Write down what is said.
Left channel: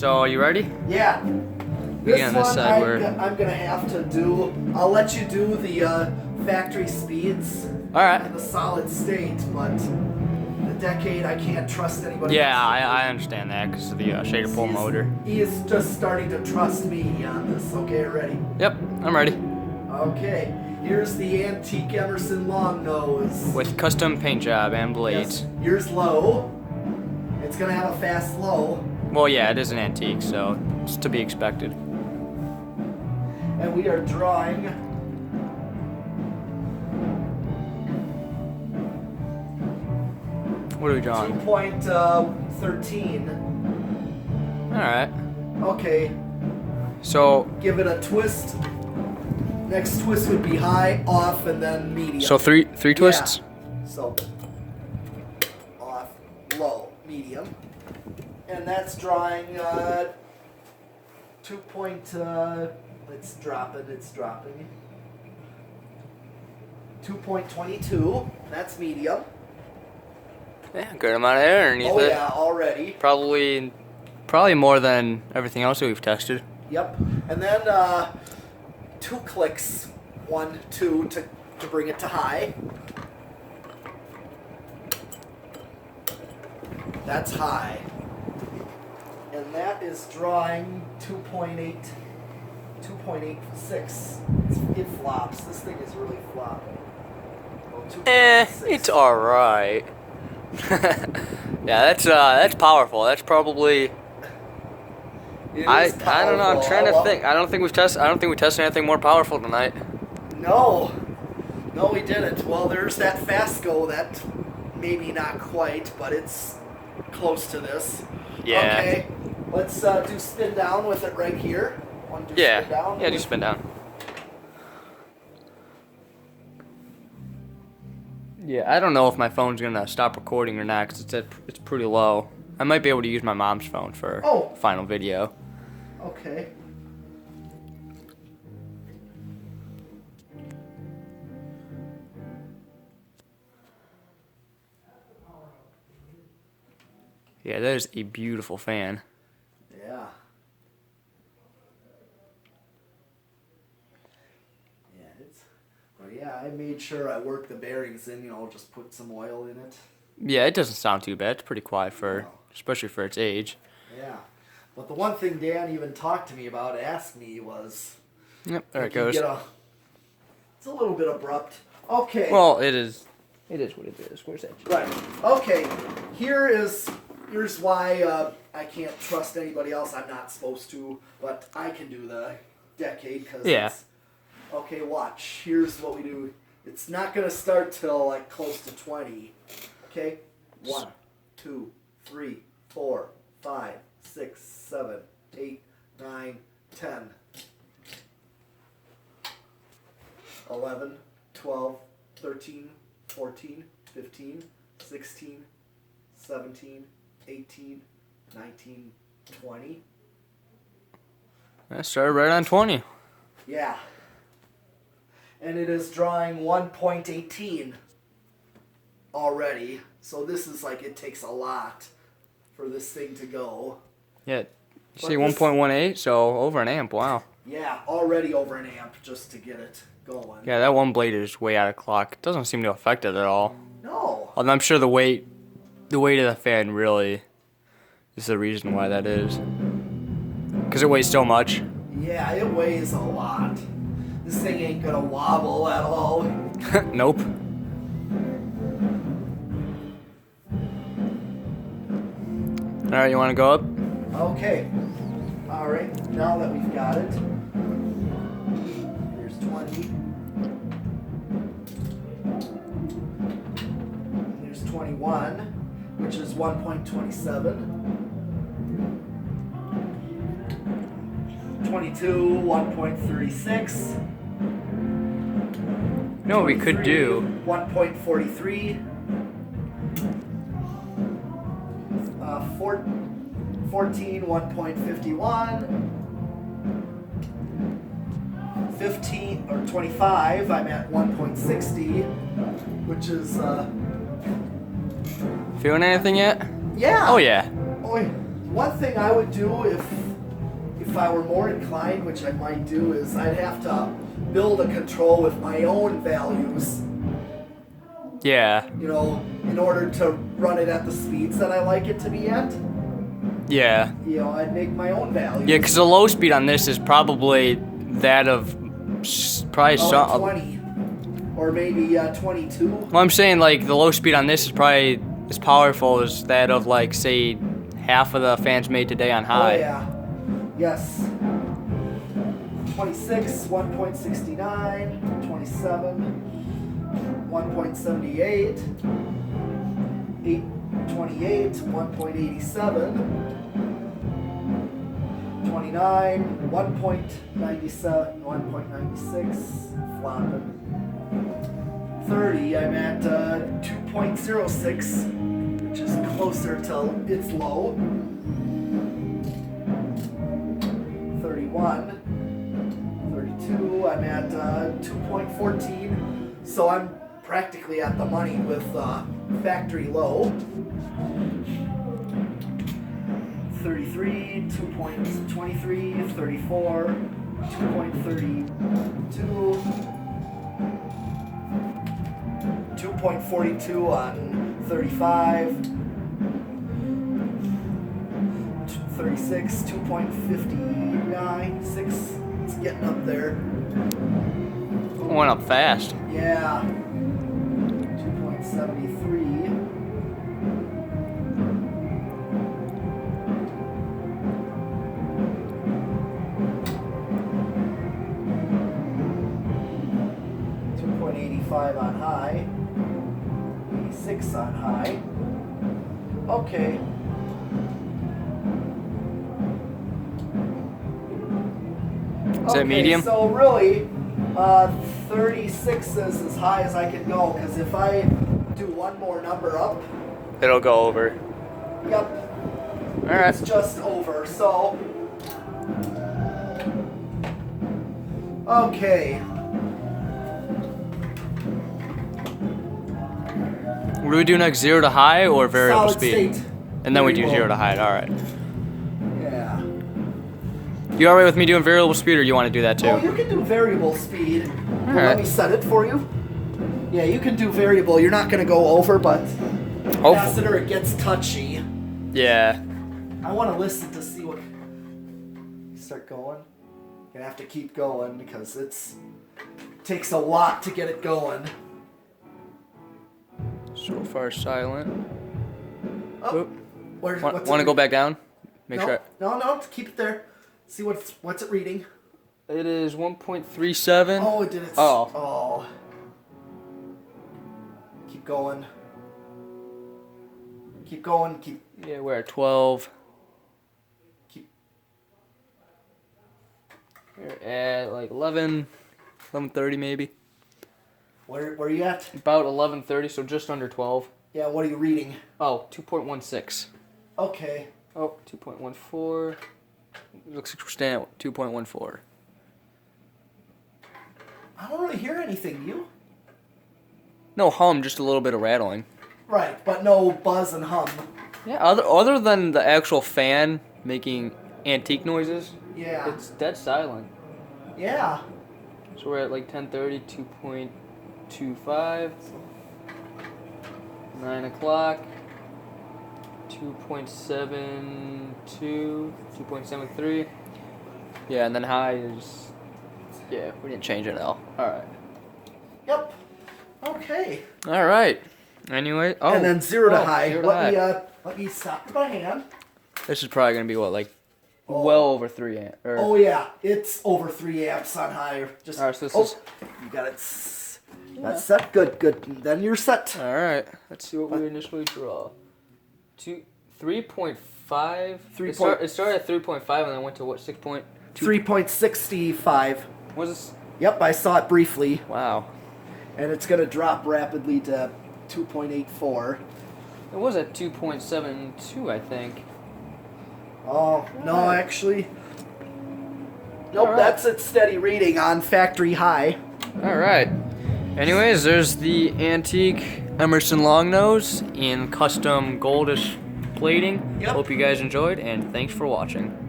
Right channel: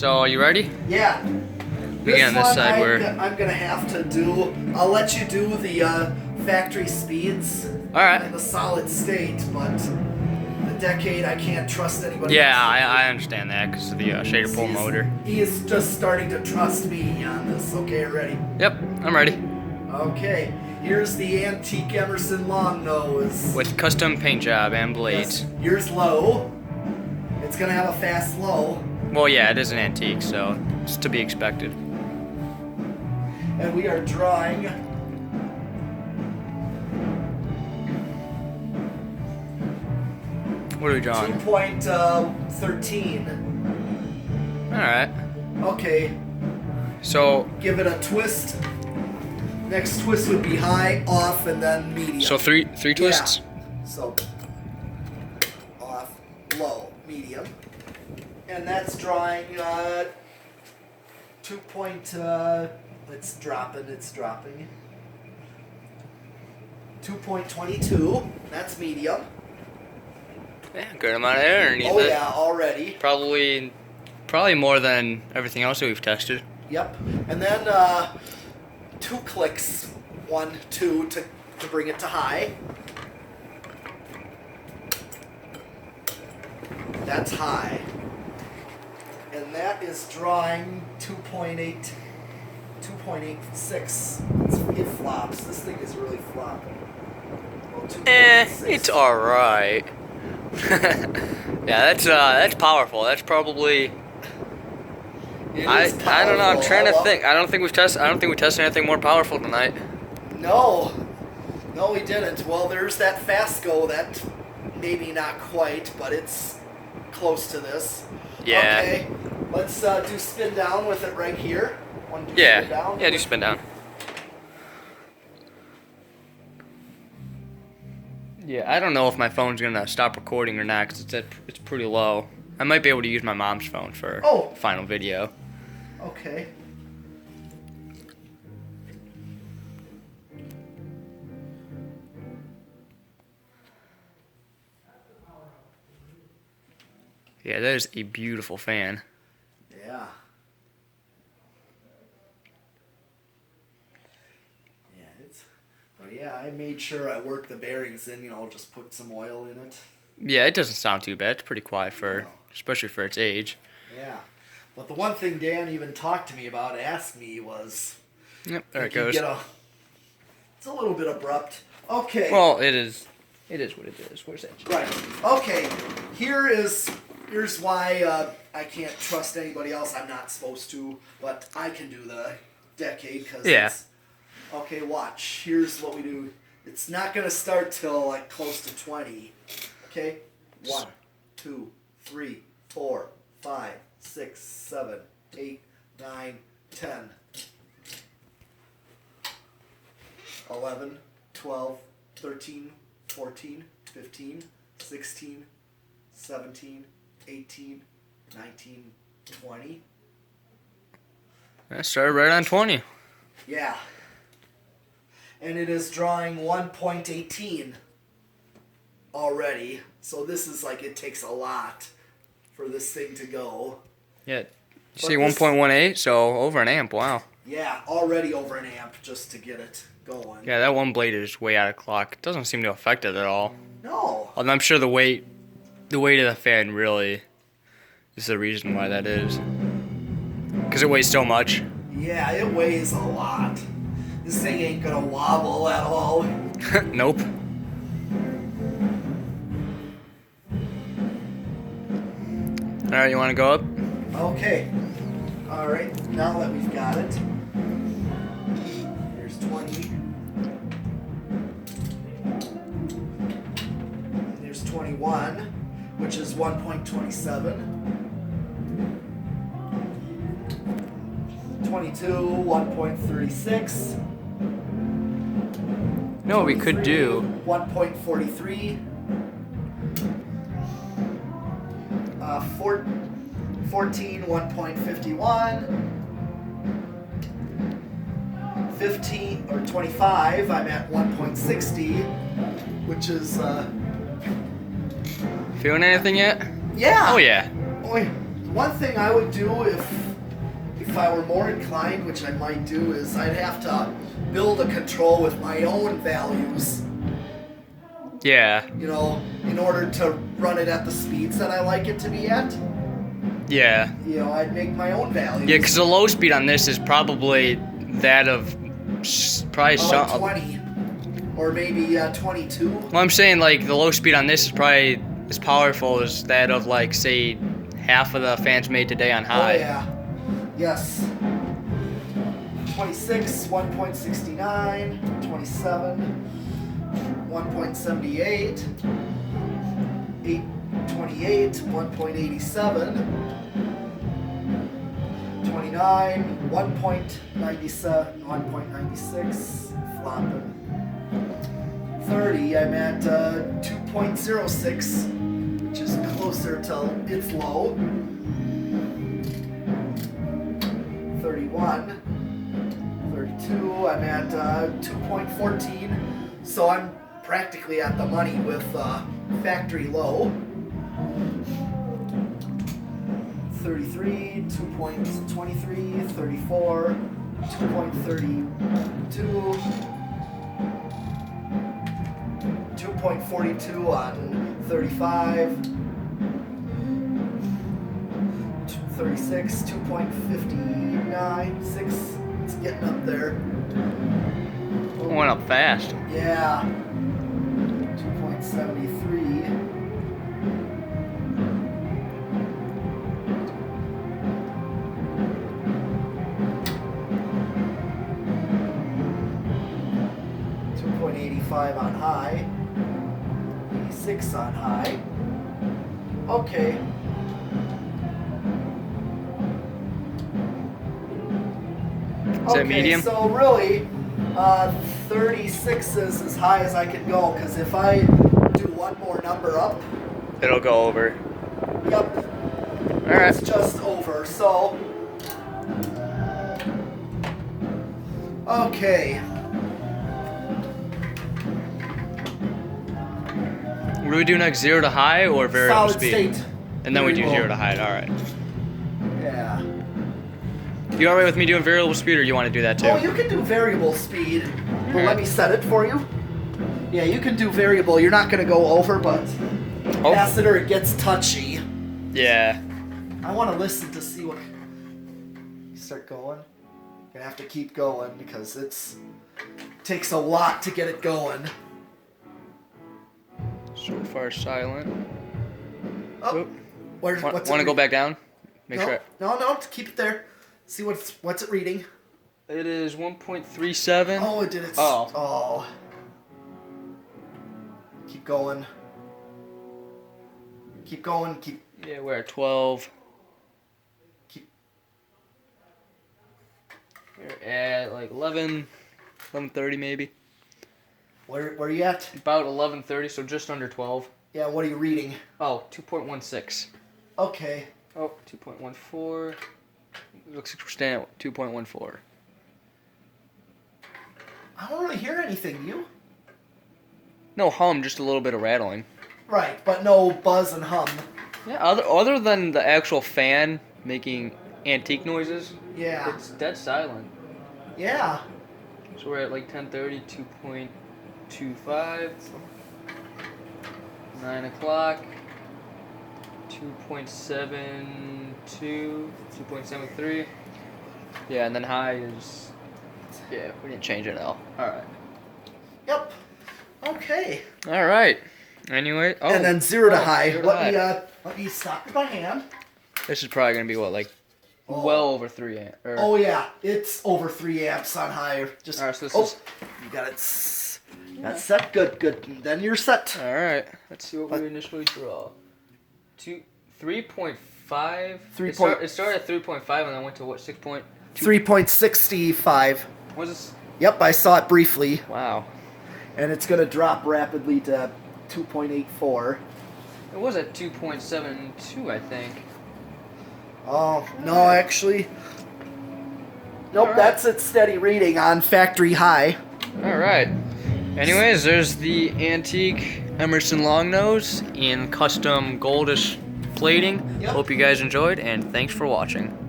So, are you ready? Yeah. Begin on this side I'm where... I'm gonna have to do. I'll let you do the factory speeds Alright. and the solid state, but the decade I can't trust anybody. Yeah, else. I understand that because of the shader pull motor. He is just starting to trust me on this. Okay, ready? Yep, I'm ready. Okay. Here's the antique Emerson Long nose. With custom paint job and blades. Yes. Here's low. It's gonna have a fast low. Well, yeah, it is an antique, so it's to be expected. And we are drawing What are we drawing? 2.13. Alright. Okay. So... Give it a twist. Next twist would be high, off, and then medium. So three twists? Yeah. So off, low, medium. And that's drawing 2 point, it's dropping. 2.22, that's medium. Yeah, good amount of air underneath Oh it. yeah, already. Probably more than everything else that we've tested. Yep. And then 2 clicks, 1, 2 to bring it to high. That's high. And that is drawing 2.86. It flops. This thing is really flopping. Oh, 2.6. It's alright. Yeah, that's powerful. That's probably... It I is don't know. I'm powerful. trying to think. I don't think we tested anything more powerful tonight. No, we didn't. Well, there's that Fasco that maybe not quite, but it's close to this. Yeah. Okay, let's do spin down with it right here. Want to do Yeah. spin down? Yeah, do spin down. Yeah, I don't know if my phone's gonna stop recording or not because it's pretty low. I might be able to use my mom's phone for final video. Okay. Yeah, that is a beautiful fan. Yeah. Yeah, I made sure I worked the bearings in, just put some oil in it. Yeah, it doesn't sound too bad. It's pretty quiet especially for its age. Yeah. But the one thing Dan even talked to me about, asked me was... Yep, there it goes. It's a little bit abrupt. Okay. Well, it is what it is. Where's that? Right. Okay. Here's why I can't trust anybody else. I'm not supposed to, but I can do the decade because okay, watch. Here's what we do. It's not going to start till like close to 20. Okay? 1, 2, 3, 4, 5, 6, 7, 8, 9, 10, 11, 12, 13, 14, 15, 16, 17, 18, 19, 20. I started right on 20. Yeah. And it is drawing 1.18 already. So this is like, it takes a lot for this thing to go. Yeah. You see 1.18, so over an amp, wow. Yeah, already over an amp just to get it going. Yeah, that one blade is way out of clock. It doesn't seem to affect it at all. No. And I'm sure the weight of the fan really is the reason why that is. Because it weighs so much. Yeah, it weighs a lot. This thing ain't gonna wobble at all. Nope. Alright, you want to go up? Okay. Alright, now that we've got it. Here's 20. There's 21, which is 1.27. 22, 1.36. No, what we could do. 1.43. 14, 1.51. 15 or 25, I'm at 1.60, which is Feeling anything yet? yeah. Oh yeah. Oh, yeah. one thing I would do if I were more inclined, which I might do, is I'd have to build a control with my own values. Yeah. You know, in order to run it at the speeds that I like it to be at. Yeah. You know, I'd make my own values. Yeah, because the low speed on this is probably that of probably 20 or maybe 22. Well, I'm saying like the low speed on this is probably as powerful as that of like say half of the fans made today on high. Oh yeah. Yes. 26, 1.69, 27, 1.78, 828, 1.87, 29, 1.97, 1.96, flopping. 30, I'm at 2.06, which is closer to its low. 31, 32, I'm at 2.14, so I'm practically at the money with factory low. 33, 2.23, 34, 2.32, 2.42 on 35, 36, 2.59, 6, it's getting up there. Went up fast. Yeah. 2.73. 2.85 on high. 86 on high. Okay. Is that medium? So really, 36 is as high as I can go, because if I do one more number up, It'll go over. yep, Alright. it's just over. So, okay. What do we do next? 0 to high or variable Solid speed? state. And then we do Variable. 0 to high. Alright. Yeah. You alright with me doing variable speed, or you want to do that too? Oh, you can do variable speed. Well, Alright. let me set it for you. Yeah, you can do variable. You're not going to go over, but Oh. past it or it gets touchy. Yeah. I want to listen to see what... You start going. You're going to have to keep going because it takes a lot to get it going. So far silent. Oh, Oop. what's Want it to go back down? Make No, sure. no, keep it there. See what's it reading. It is 1.37. Oh, it did it. Oh. Oh. Keep going. Keep going. Yeah, we're at 12. Keep. We're at like 11:30 maybe. Where are you at? About 11:30, so just under 12. Yeah, what are you reading? Oh, 2.16. Okay. Oh, 2.14. Looks like we're staying at 2.14. I don't really hear anything, do you? No hum, just a little bit of rattling. Right, but no buzz and hum. Yeah, other than the actual fan making antique noises, Yeah. it's dead silent. Yeah. So we're at like 10:30, 2.25, 9 o'clock, 2.72, 2.73. Yeah, and then high is, yeah, we didn't change it at all. Alright. Yep. Okay. Alright. Anyway, oh. And then 0 to high. 0 to let high. me stop with my hand. This is probably going to be what, like, well over 3 amp. Oh yeah, it's over 3 amps on high. Just Alright, so this is... you got it. That's set. Good. Then you're set. Alright, let's see what we initially draw. 3.5. It started at 3.5 and then went to what, 6.2? 3.65. What is this? Yep, I saw it briefly. Wow. And it's gonna drop rapidly to 2.84. It was at 2.72, I think. Oh, no, actually. Nope, Alright. that's its steady reading on factory high. Alright. Anyways, there's the antique Emerson Long nose in custom goldish plating. Yep. Hope you guys enjoyed, and thanks for watching.